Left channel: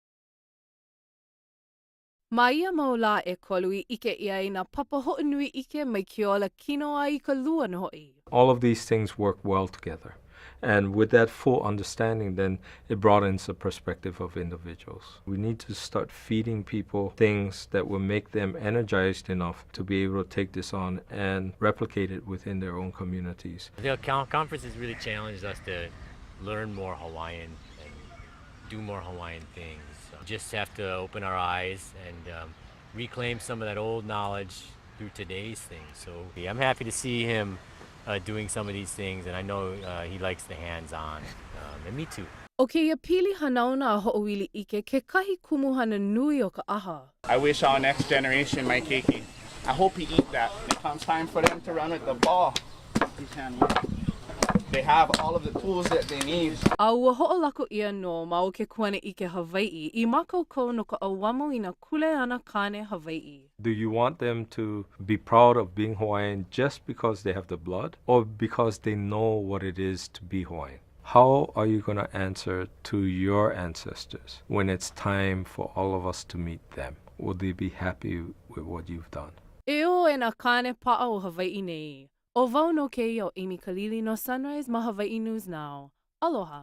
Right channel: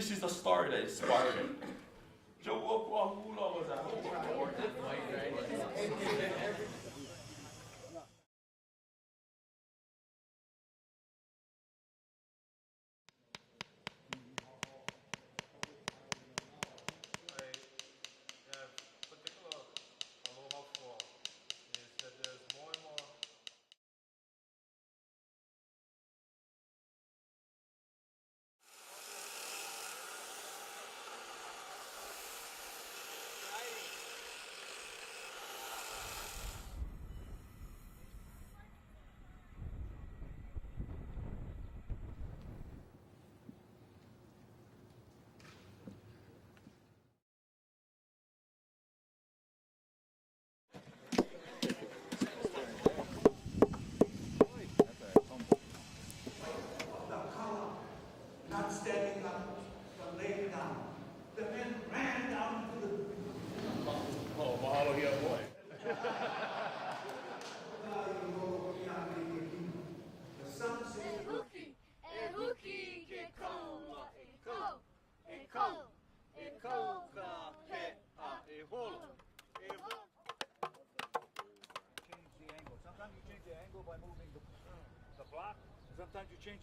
this is the star that inspired him. Maia maula e kolu I ike ia na papa hoʻinui ike mai ke ola kino ai ka lua na hoʻi. All of these things work well together. And with that full understanding, then it broadens the perspective of individuals. We need to start feeding people things that will make them energized enough to be able to take this on and replicate it within their own communities. The conference has really challenged us to learn more Hawaiian and do more Hawaiian things. Just have to open our eyes and reclaim some of that old knowledge through today's things. So I'm happy to see him doing some of these things, and I know he likes the hands-on, and me too. O ke ia pili hanauna a hoʻoili ike ke kahi kumuhana nui o ka ʻaha. I wish our next generation might keiki. I hope he eat that. When it comes time for them to run with the ball, they have all of the tools that they need. A ua hoʻolako ia no ma o ke kuana I ke Hawaiʻi I makaukau no ka auamo I na kule ana Kāne Hawaiʻi. Do you want them to be proud of being Hawaiian just because they have the blood or because they know what it is to be Hawaiian? How are you going to answer to your ancestors when it's time for all of us to meet them? Will they be happy with what you've done? E o e na Kāne pa'a o Hawaiʻi nei. O wau no ke o Amy Kalili no Sunrise ma Hawaii News Now. Aloha.